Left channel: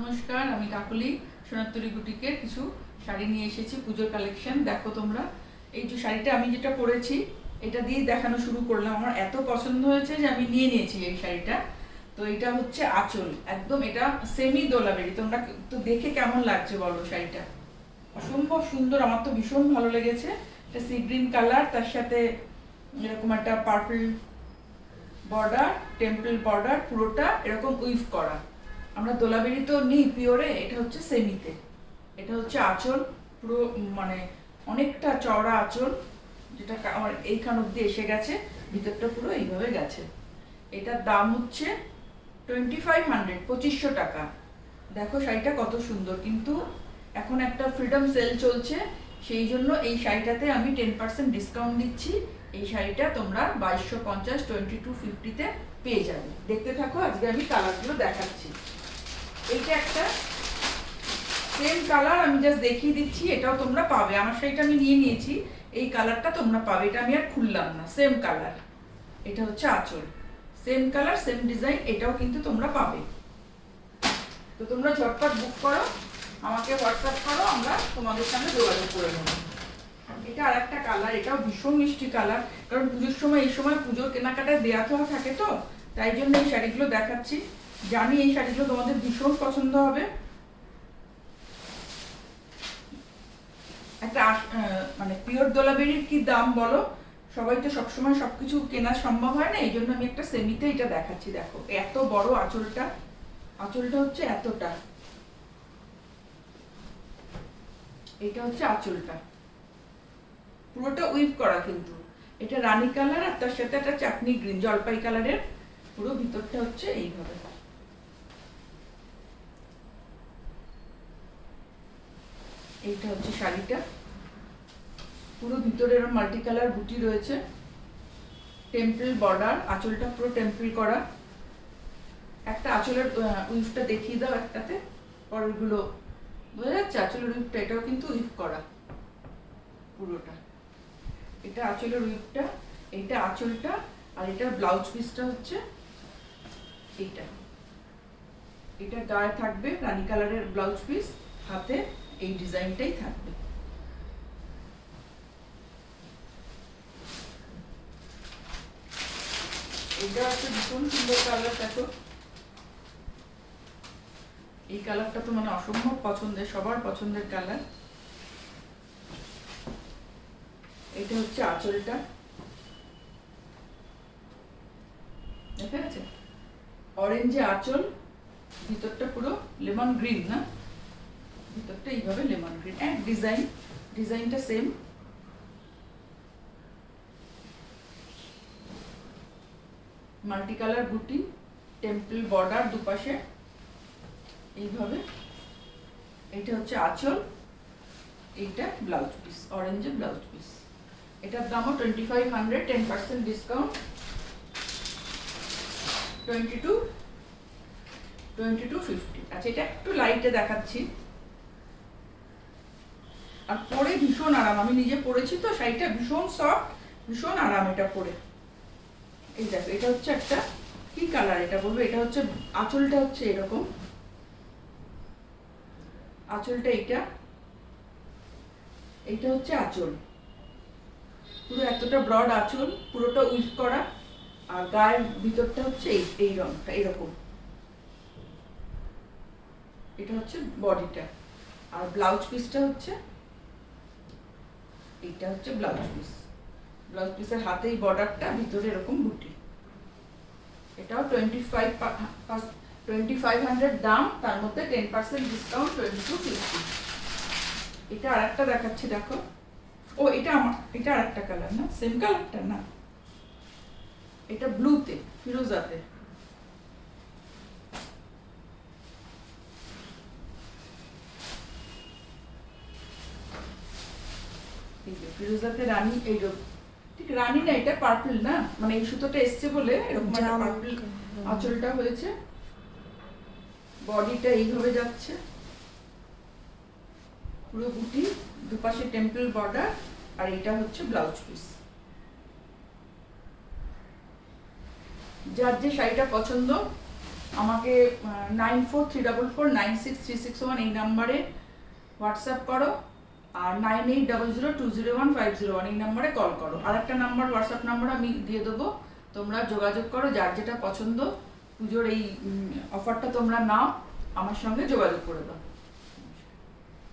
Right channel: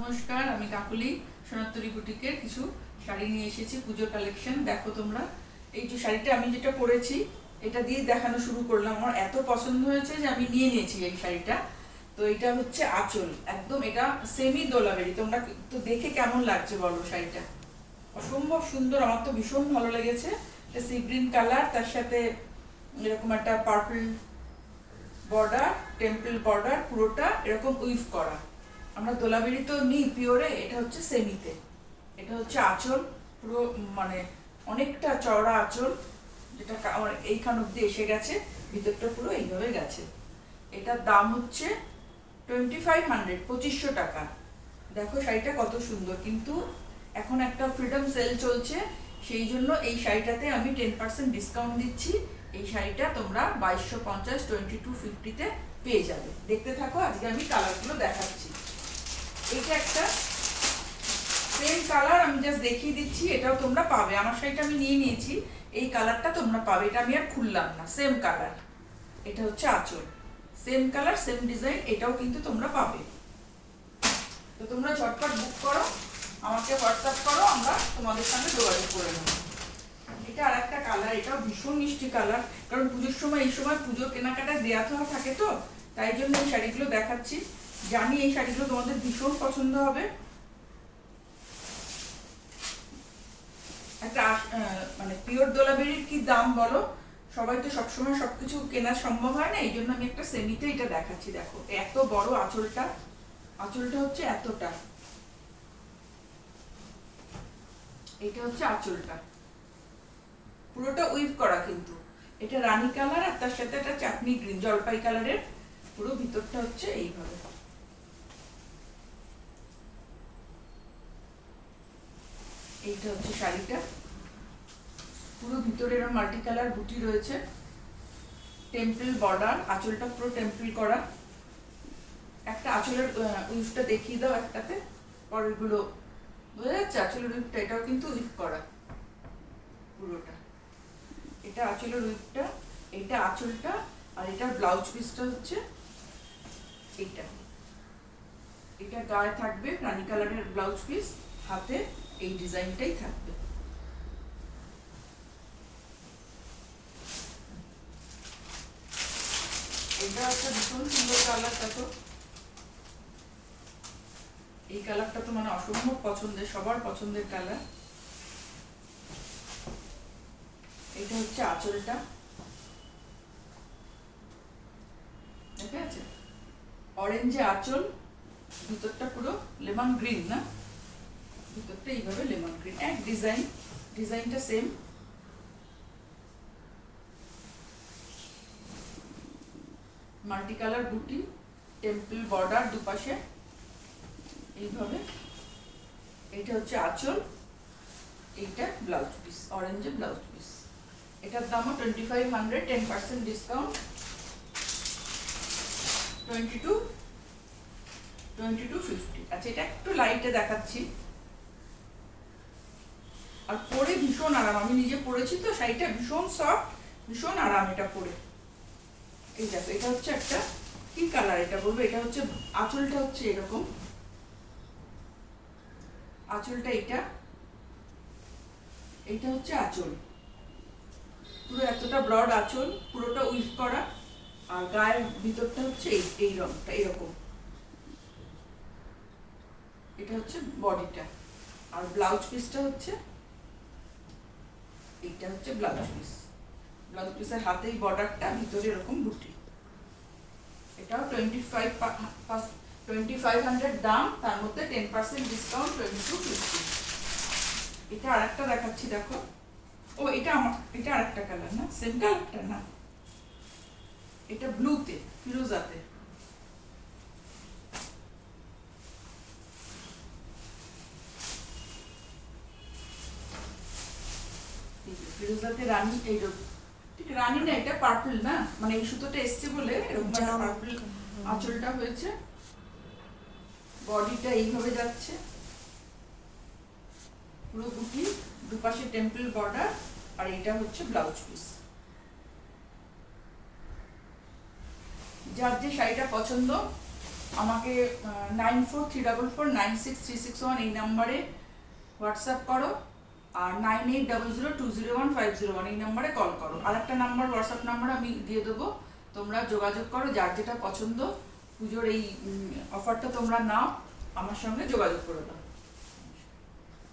নমস্কার, আমি কাকলি সোনারতরী বুটিকের কিছু শাড়ি নিয়ে এসেছি পুজোর কালেকশন। দেখো তোমরা, এই যে শাড়িটা আমি যেটা পরেছি এটা দিয়ে দেখানো শুরু করলাম। আমার এত পছন্দ হয়েছে যে আমি নিয়ে নিয়েছি এই শাড়িটা। তো এটা হচ্ছে আঁচল, একদম এটা সেমি দোলাবেরি। তোমরা তো দেখে কেমন লাগছে বলো শাড়িটা? অসম্ভব সুন্দর, আমার তো ভীষণ ভালো লেগেছে। এটা সি গ্রিন কালার, তার সাথে এরকম একটা পার্পল বর্ডার, টেম্পল বর্ডার, পুরোটা এরকম উইভ করা। আমরা দোলাবেরি তো নিই পিওরে, এটা হচ্ছে সেমিতে। এটা হচ্ছে আঁচল, পুরো মানে অনেকটা চওড়া আঁচল, যেটা আমার এইখান অব্দি এসে গেছে, ভিতরটা পুরো এইভাবে গেছে। এটার দাম হচ্ছে 2500, 2500 টাকা। দেখো শাড়িটা কত সুন্দর, কিন্তু এখন একটা ফ্রিডম সেল চলছে, সেই জন্য এই শাড়িটাতে আমি 10% ডিসকাউন্ট দিচ্ছি। এই শাড়িটা তোমরা 2250, 2250-তে পেয়ে যাবে। দেখতে থাকো, আজকে আমি কালারগুলো দেখাচ্ছি। এইটা একটা সেম কালার, আমি জাস্ট দেখিয়ে দিচ্ছি, এটাও তোমরা পাবে। আমার শাড়িটা আমি নিয়ে নিয়েছি, এই কালারটা তোমরা পাবে, এটা আমি আর খুললাম না, সেম কালার। এটা হচ্ছে আঁচল, সেম কালার সেম ডিজাইন, এটাও কিন্তু তোমরা পাবে। তো তোমরা ঝটপট বুক করো, আমাকে হোয়াটসঅ্যাপ করো, আমরা তোমাদের সঙ্গে যোগাযোগ করে নেবো। এটা আর একটা কালার, এটাও ভীষণ মিষ্টি কালার, কারণ পুজোর সময়, এই সময় পুজোর কেনাকাটায় দেওয়া থাকে, তো তাই জন্য এই শাড়িগুলো দেখাচ্ছি। জানি এই শাড়িগুলো তোমাদের ভীষণ পছন্দ হবে। একটা মানে পিওর দোলাবেরির কি দাম বলো? সবাই তো সবসময় সবকিছু কেনা সম্ভব হয় না, এই জন্য আমি একটা সেমিতে এটা দেখাচ্ছি। দেখো এত বড় আঁচলটা, আঁচলটা হচ্ছে এতটা, এটা হচ্ছে আঁচলটা, পুরোটা উইভ করা কিন্তু। এটা রানী কালার, আর তার সাথে একটা চাটনি গ্রিন, জলপাই কালারের, পুরো ভিতরটা হচ্ছে এইভাবে। এইটা হচ্ছে শাড়িটা, পুরো ভিতরে এরকম মাল্টি কালার বুটি রয়েছে, টেম্পল বর্ডার, আঁচলটা পুরো টেম্পল করা। একটা আঁচলের উইভটা দেখিয়ে দাও একটাতে, পরেরগুলো বোঝা যাচ্ছে। আঁচলের উইভটা এটাও কিন্তু উইভ করা পুরোটা। এটা আঁচলের উইভটা, এইটা আঁচলটা, আর এটার ব্লাউজ পিসটা হচ্ছে এইটা। এটা গায়ে থাকবে রানী কালারের ব্লাউজ পিস, হাতে এই ডিজাইনটাই থাকবে। এটা একটা ভীষণ সুন্দর কালার। দেখো এই কালারটা তো মানে অসম্ভব পছন্দের, সবার পছন্দের কালার। এটা হচ্ছে আঁচলটা, দেখা যাচ্ছে অরেঞ্জে আঁচল, ভিতরটা পুরো লেমন গ্রিন, না ভিতরটা এইভাবে লেমন গ্রিন, এক ডিজাইন, ডিজাইনটা সেম। মাল্টি কালার বুটি, টেম্পল বর্ডার দুপাশে এইভাবে। এইটা হচ্ছে আঁচল, এইটা ব্লাউজ পিস, অরেঞ্জের ব্লাউজ পিস। এটার দামও 2500, 10% ডিসকাউন্ট, 2250। আচ্ছা, এটা একটু লাইটে দেখাচ্ছি, আর পরে ভীষণ আরাম। আমি নিজে পরেছি তো, শাড়িটা ভীষণ সফট, ভীষণ আরাম এটা পরে। এই দেখো, এটা হচ্ছে একটা কি কালার এটা বলবো, এটা হচ্ছে আঁচলটা হচ্ছে এরকম, আঁচলটা এইটা, এইটা হচ্ছে আঁচল, পুরো এতটা ব্রড আঁচল, পুরোটা উইভ করা, আর গায়ের ভিতরটা হচ্ছে এই রংটা এরকম। এটা হচ্ছে বডিটা, আর ব্লাউজ পিসটা হচ্ছে এইটা, হচ্ছে ব্লাউজ পিস। ব্লাউজ পিসের হাতে এই বর্ডারটা, ভিতরে এরকম বুটি। এটাও 2500 দাম, তার মধ্যে 10% ডিসকাউন্ট, 2250। এটা আর একটা দেখাচ্ছি, দেখো। ও এটা এটা আর একটা কালার, না সেম কালারটা না, এটা ব্লুতে, ফিরোজাতে। ফিরোজাতে রানী, এই ঠিক রানী না, এটা পার্পল, না মানে এই সুতোটা এসছে বলে এরকম একটা পার্পল আঁচলটা হয়েছে। বডিটা এইভাবে যাচ্ছে, পুরো বুটি, দুপাশে টেম্পল বর্ডার, আর এটা হচ্ছে ব্লাউজ পিস। যার যে শাড়িটা পছন্দ আমাকে 9434496361 এই নাম্বারে হোয়াটসঅ্যাপ করো, আর 9800201501 এই নাম্বারে কল করো। আর একটা নাম্বার, হোয়াটসঅ্যাপ নাম্বার আমি দিয়ে দেবো, তোমরা যোগাযোগ করো, যার যেটা পছন্দ পুজোর এই অফারটা তোমরা নাও, আমার সঙ্গে যোগাযোগ করে দাও।